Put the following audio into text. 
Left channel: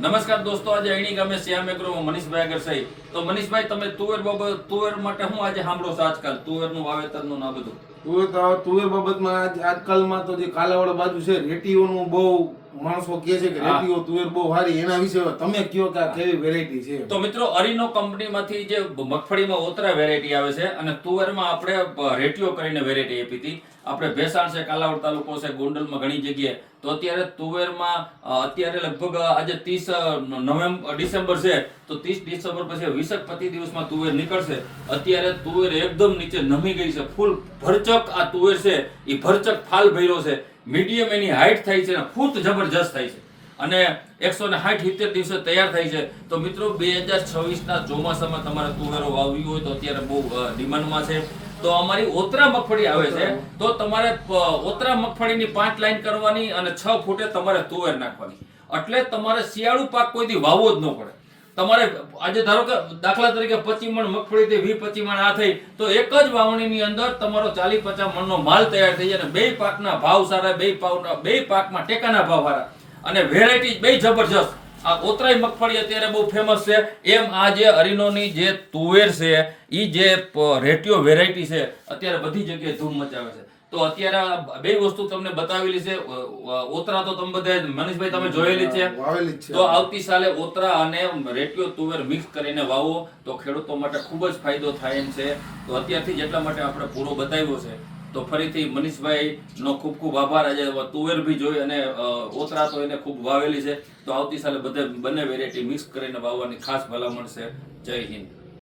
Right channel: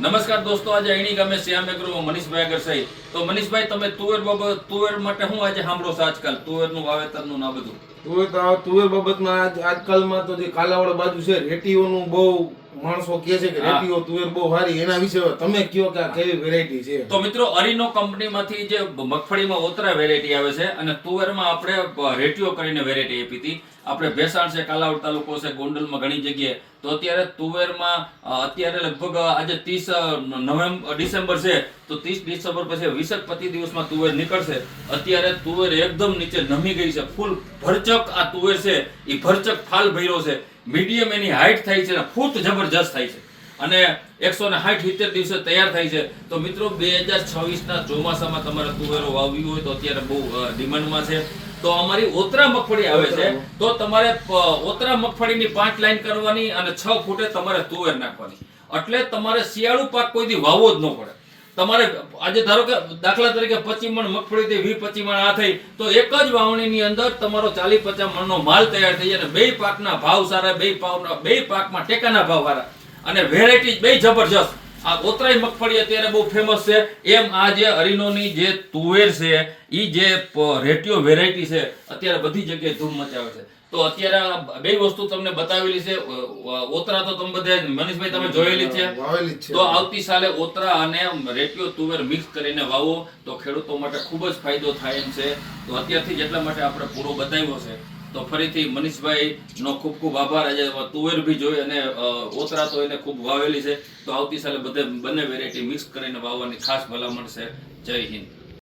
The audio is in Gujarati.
નમસ્કાર દોસ્તો, આજે અણી ગામે શ્યામ એગ્રો મનીષભાઈ આગળ સહી. તો મનીષભાઈ, તમે તુવેર માટે શું આજે સાંભળો છો આજકાલ તુવેરનું વાવેતરનું ના બધું? તુવેર બાબતમાં આજકાલમાં તો જે કાલાવાડ બાજુ છે રેટીઓનું બહુ માણસો કહે છે કે રેટીઓ તુવેર બહુ સારી, એના વિશે તમે કયો કે આ કેવી વેરાયટી છે? તો મિત્રો, અરીનો કંપનીમાંથી જે મગફળીમાં ઓતરા વેરાયટી આવે છે અને તુવેરમાં આપણે રેટીઓ કરીને વેરાયટી આપી હતી. આપણે ભેસાણ છે, કાલાવડ તાલુકો છે, ગોંડલમાં ઘણી જગ્યાએ. તો અત્યારે તુવેરમાં અત્યારે લગભગ આજે 30 ડિસેમ્બર છે, તો 30 ડિસેમ્બર પછી 20-25 દિવસમાં તુવેર નીકળશે. અત્યારે તુવેર એકદમ નીચે નમી ગઈ છે, ફૂલ ભરચક આ તુવેર છે એ ભરચક ફાલ ભર્યો છે. મીડિયમ એની હાઈટ થાય છે, ફૂટ જબરજસ્ત થાય છે અને 160-70 દિવસે તૈયાર થાય છે. તો મિત્રો, 2026 ચોમાસામાં તમારે તુવેરો વાવવી હોય તો અત્યારે બહુ ડિમાન્ડમાં છે. તો અમારી ઓતરા મગફળી આવે છે, તો તમારે ઓતરા મગફળીની 5 લાઈન કરવાની અને 6 ફૂટે તમારે તુવેર નાખવાની. એટલે તમારે શિયાળુ પાક કોઈથી વાવવો જ ન પડે. તમારે આજે ધારો કે દાખલા તરીકે 25 મણ મગફળી થઈ, 20-25 મણ આ થઈ, તો એક જ વાવણીની અંદર તમારો 40-50 મણનો માલ તૈયાર થઈ જાય. અને બે પાકના ભાવ સારા, બે પાકમાં ટેકાના ભાવ સારા અને વેરાયટી બે જબરજસ્ત. આ ઓતરાઈ મગફળી અત્યારે બહુ ફેમસ છે. એમ આ જે અરીનોની જે તુવેર છે, ઈ જે રેટિયો વેરાયટી છે, અત્યારે બધી જગ્યાએ ધૂમ મચાવે છે. તો અત્યારે બે વસ્તુ તમને બતાવેલી છે. ઓતરા તો તમે બધા મનીષભાઈ તમે જોયેલી છે. તો આવતી સાલે ઓતરા અને રેટિયો તુવેર મિક્સ કરીને વાવો તો ખેડૂતો માટે ખૂબ જ ફાયદો થાય એમ છે. તો અત્યારથી જ એટલા માટે આપણે પૂરો બતાવ્યો છે. તો ફરીથી મનીષભાઈ નો ખૂબ ખૂબ આભાર. આજે તુવેર બી જોઈ અને ઓતરા તો એને ખૂબ વાવેલી છે. તો આવતી સાલે બંને વેરાયટી મિક્સ કરીને વાવવાની ખાસ ભલામણ છે. જય હિન્દ.